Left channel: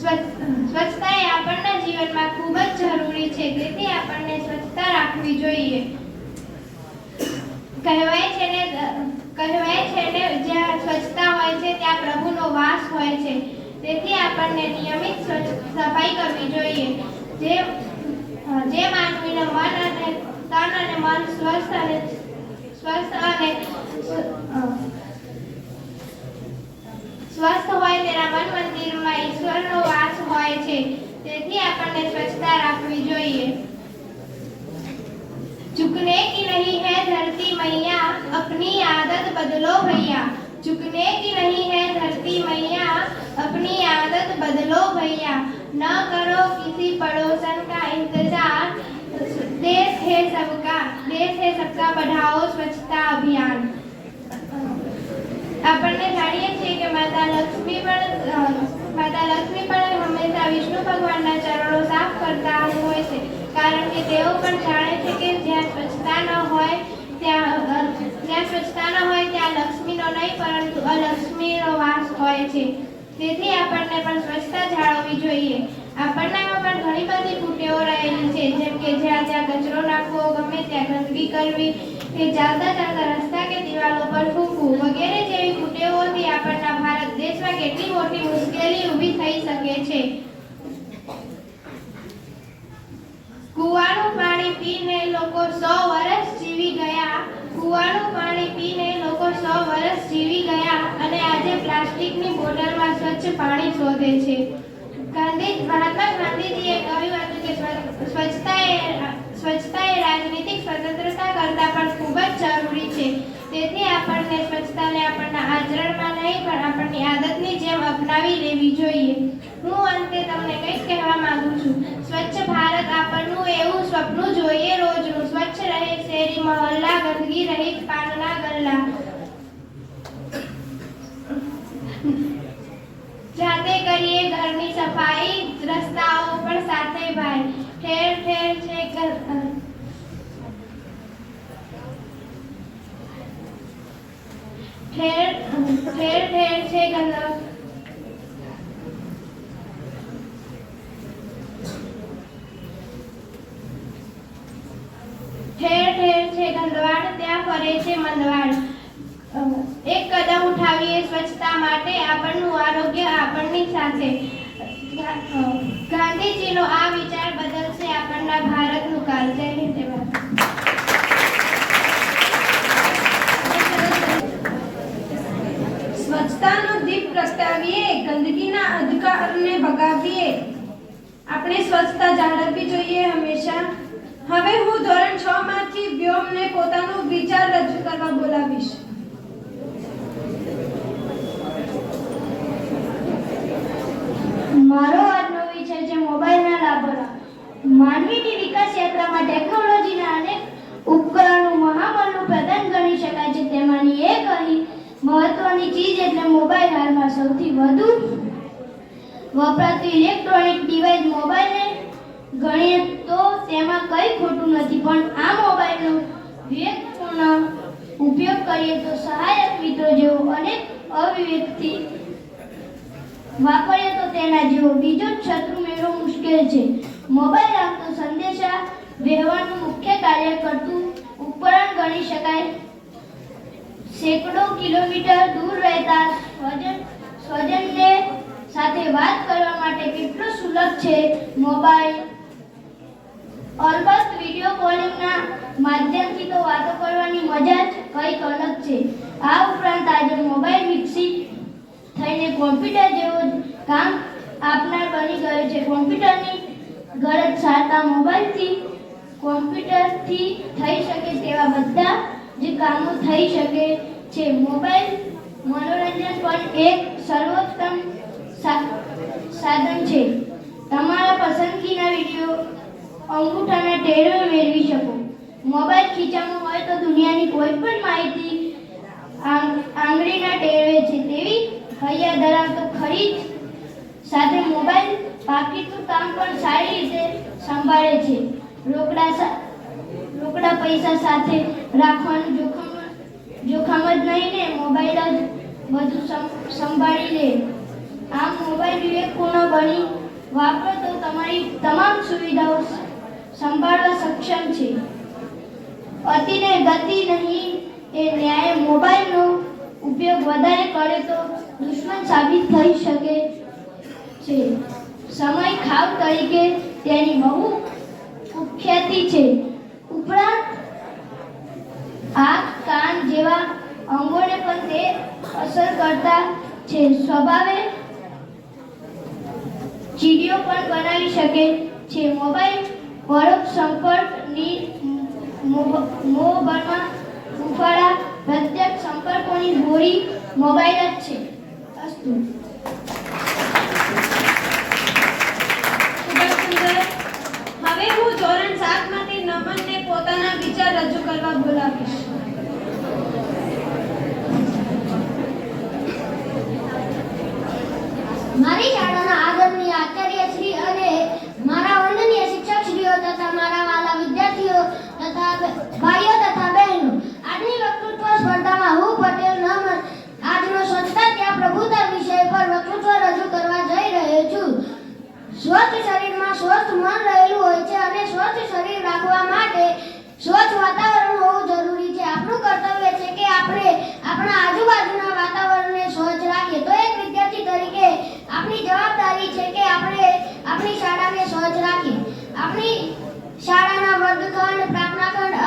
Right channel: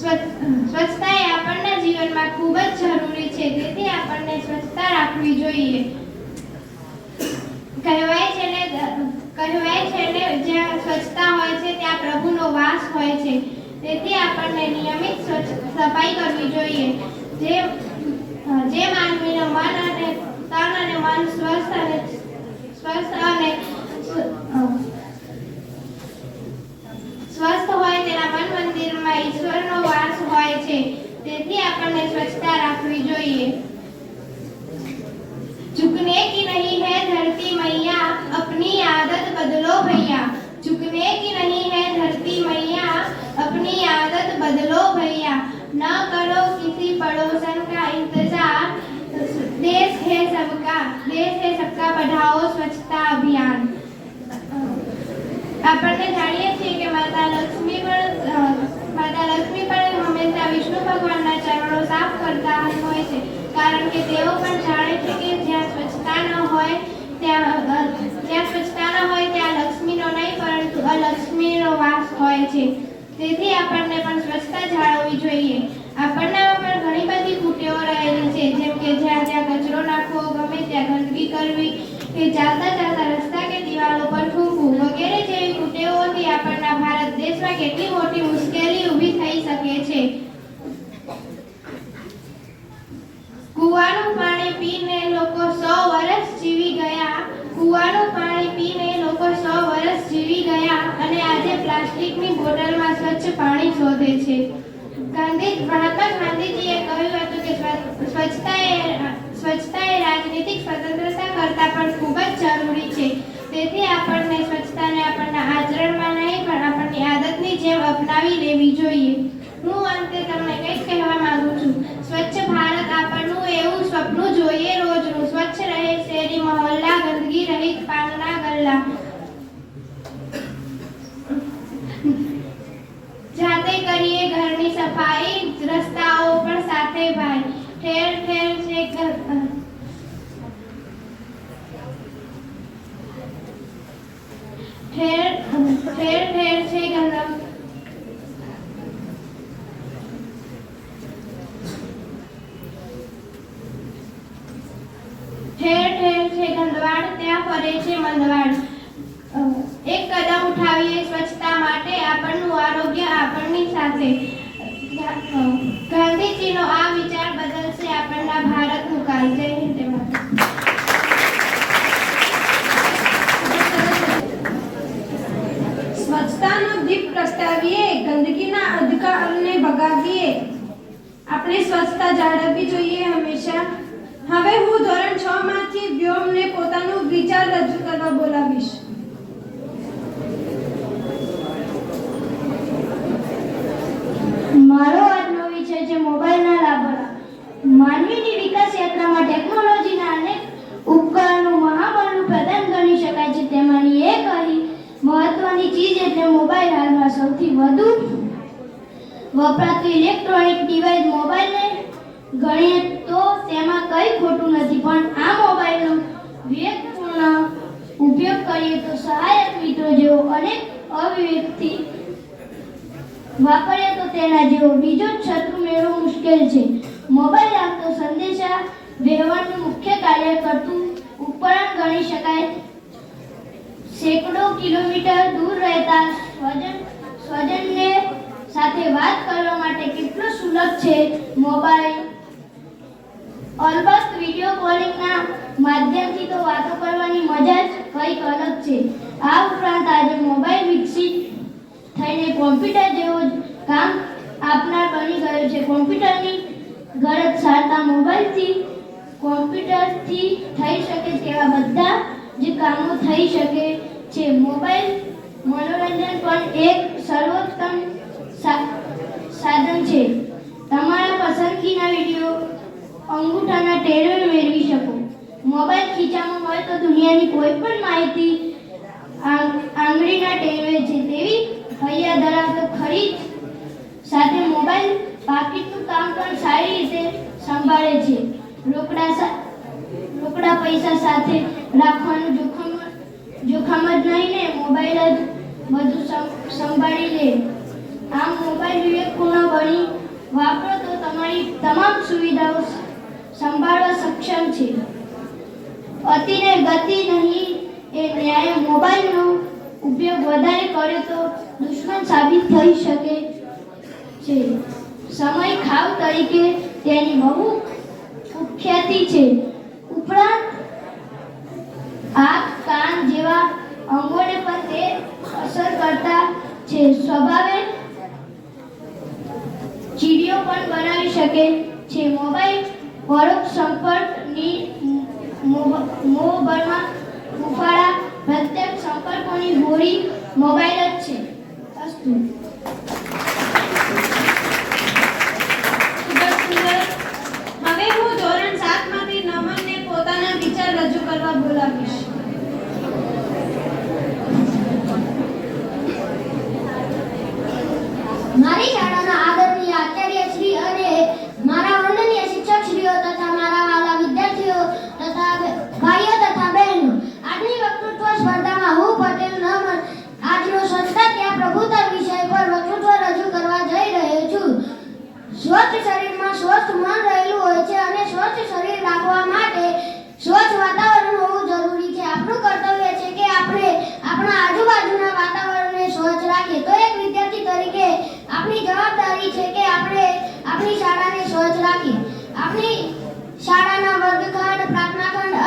સ્વચ્છતા એ આપણા જીવનમાં ખૂબ જ જરૂરી છે, તેથી આપણને સ્વચ્છતા રાખવી જોઈએ. કહેવાય છે ને જ્યાં સ્વચ્છતા હોય છે ત્યાં પ્રભુનો વાસ હોય છે, તેથી આપણને નિયમિત સફાઈ કરવી જોઈએ. જે માનવીનું મન અને તન અને મન સ્વસ્થ અને સ્વસ્થ હોય તેના મન મંદિરમાં ઈશ્વરનો વાસ હોય છે, તેથી આપણને સ્વચ્છતા રાખવી જોઈએ. झुकने की नहीं है धरती मैया, अपनी आदत बदलो भैया. झुकने की नहीं है धरती मैया, अपनी आदत बदलो भैया. न करो किसी पड़ोसन का इंतजार, देश है सबका बढ़ाओ स्वच्छता अभियान. આપણને જાણીએ છીએ કે માતા લક્ષ્મી પણ હંમેશા વિષ્ણુ ભગવાનના ચરણો સાફ કરતા હોય છે, કારણ કે તેઓ પણ જાણે છે કે જ્યાં સ્વચ્છતા ન હોય ત્યાં લક્ષ્મીનો નહીં પરંતુ અલક્ષ્મીનો વાસ હોય છે. તેથી આપણને પણ સ્વચ્છતા જાળવવી જોઈએ. આપણનામાં પણ ઘણી બધી કુટેવો રહેલી છે, જેમ કે જ્યાં કચરો નાખવો, ગમે ત્યાં ગંદકી કરવી, કે ચાલતા રસ્તા કે દિવાલો પર થૂંકવું વગેરે જેવી કુટેવોથી આપણા ભારત દેશમાં કેટલી મોટી મુશ્કેલી ઊભી થઈ શકે છે. કૂવાનું પાણી પીને લોકો 100 વર્ષ જીવી ગયા. કૂવાનું પાણી પીને લોકો 100 વર્ષ જીવી ગયા અને આજે પ્લાસ્ટિકની બોટલમાં સ્વચ્છ પાણી શોધે છે. મહાત્મા ગાંધીજીએ કહ્યું હતું કે સ્વચ્છતા એ રાજનીતિક સ્વતંત્રતા કરતાં પણ ખૂબ જ જરૂરી છે. તેથી આપણને સ્વચ્છતાને આપણા આચરણમાં નહીં પણ આપણી આદતની જેમ અપનાવી લેવી જોઈએ. હું અંતે તમને કંઈક કહેવા માંગુ છું. સ્વચ્છ ભારત આપણનું એવું સપનું જોઈએ રોજનું. સ્વચ્છ રહે શેરી મહોલ્લા, ગંદકી રહિત પાનના ગલ્લા. જાતે કરીએ ઘરની સફાઈ, રસ્તાઓ પણ સાથે ભાઈ. ઠેર ઠેર છે ગંદવાડ, ત્યાં ફરે છે મંદવાડ. એક કદમ ઉઠાવીએ સ્વચ્છતા માટે, આપણનું આરોગ્ય આપણી સાથે. ગાંધીજીનો આ વિચાર બદલશે આપણા ભારતનું કાલ. જય હિન્દ. સ્વચ્છતાનો દીપ પ્રગટાવીએ, ગંદકીના અંધકારને ભગાવીએ. આપણે સ્વચ્છતા જાળવવી જોઈએ હંમેશા. હવે હું ધોરણ 6 માંથી વ્યોમને પોતાનો વિચાર રજૂ કરવા બોલાવીશ. મારો આજનો વિષય છે મોબાઈલના લાભો. માનવીની વિકાસ યાત્રામાં ટેકનોલોજીના અનેક ઉપકરણો મહાબળનું પ્રદાન કરી શકાય છે. તેમાંની એક મહત્વની ચીજ એટલે મોબાઈલ. હાલમાં સૌથી વધુ વપરાતું ઇલેક્ટ્રોનિક ડિવાઇસ મોબાઈલને ગણીએ તો તેમાં કંઈ ખોટું નથી, પણ આ મોબાઈલનો વિવેકપૂર્ણ ઉપયોગ કરીએ તો સહાયક મિત્રો જેવો અનેક અવિવેકથી વાપરીએ તો તેના જેવો બીજો જ શત્રુ મેળવવો મુશ્કેલ છે. મોબાઈલ આપતો સંદેશા વ્યવહારનું મુખ્ય કાર્ય કરતું ઉપકરણ ગણી શકાય. સેંકડો કિલોમીટર દૂર રહેતા સ્વજનને સાથે વાત કરવા માટે કેટલું સુલભ છે મોબાઈલ. અલબત્ત વિડીયો કોલિંગના માધ્યમથી તો વાતો કરવાની મજા જ કંઈક અલગ છે. આ ઉપરાંત આજે મોબાઈલ વિકસિત થઈને કોમ્પ્યુટર જેવો જ કામ આપનાર બની ગયો છે. કોમ્પ્યુટરની ગરજ સારતા કોમ્પ્યુટરથી થઈ શકે તેવા બધા જ કામો થઈ શકે છે. મોબાઈલ મનોરંજન પણ એક સર્વોત્તમ સાધન છે. તમારા પસંદગીના વિડીયો અંગૂઠાના ટેરવે મેળવી શકો. મોબાઈલ ખીચામાં હોય તો દુનિયાની કોઈ પણ માહિતી આંગળીના ટેરવે છે તેવી હૈયા ધરાવતો ખરીદ સાથે મોબાઈલ પાકીટનું કામ પણ સારી રીતે સંભાળે છે. રોકડા પૈસા સાથે રાખવાનું જોખમ જ નહીં ને, મોબાઈલ જ બધું સંભાળી લે. આમ મોબાઈલ વિવેકપૂર્ણ બની વાપરો તો તમારી તમામ સુવિધાઓ સંભાળવા સક્ષમ છે. અતિને ગતિ નહીં એ ન્યાય. મોબાઈલનો ઉપયોગ વધારે કરે તો દુશ્મન સાબિત થઈ શકે છે. સમય ખાવ તરીકે તેની બહુ કુખ્યાતિ છે. ઉપરાંત આંખ કાન જેવા અંગોને પણ તે અસર કરતા છે. સ્વભાવે ચીડિયો પણ બનાવી શકે છે. મોબાઈલ પરોક્ષ સંપર્કની મોહબરમાં ઉફાળા પ્રત્યક્ષ સંપર્કોની હોડી મોબાઈલ જ છે. અસ્તુ. ખૂબ જ સુંદર. હવે હું ધોરણ 7 માંથી નમનને પોતાના વિચાર રજૂ કરવા બોલાવીશ. મારી શાળાના આદરણીય આચાર્યશ્રી અને મારા વંદનીય શિક્ષકશ્રીઓ તથા મારા વાલા વિદ્યાર્થીઓ તથા ભાઈઓ તથા બહેનો, આજની વક્તૃત્વ સ્પર્ધામાં હું પટેલ નમન આજનો સ્વચ્છતા ત્યાં પ્રભુતા વિષય પર વક્તૃત્વ રજૂ કરવા જઈ રહ્યો છું. સ્વચ્છ શરીરમાં સ્વસ્થ મન રહેલું હોય છે અને સ્વચ્છ શરીર રાખવા માટે સ્વચ્છ વાતાવરણ હોવું જરૂરી છે. આપણું કર્તવ્ય છે કે આપણે આપણા આજુબાજુના વાતાવરણને સ્વચ્છ રાખીએ. તો એક વિદ્યાર્થી તરીકે આપણી જવાબદારી છે કે આપણે આપણી શાળાને સ્વચ્છ રાખીએ. આપણી શાળાના વર્ગખંડ, પ્રાર્થના ખંડ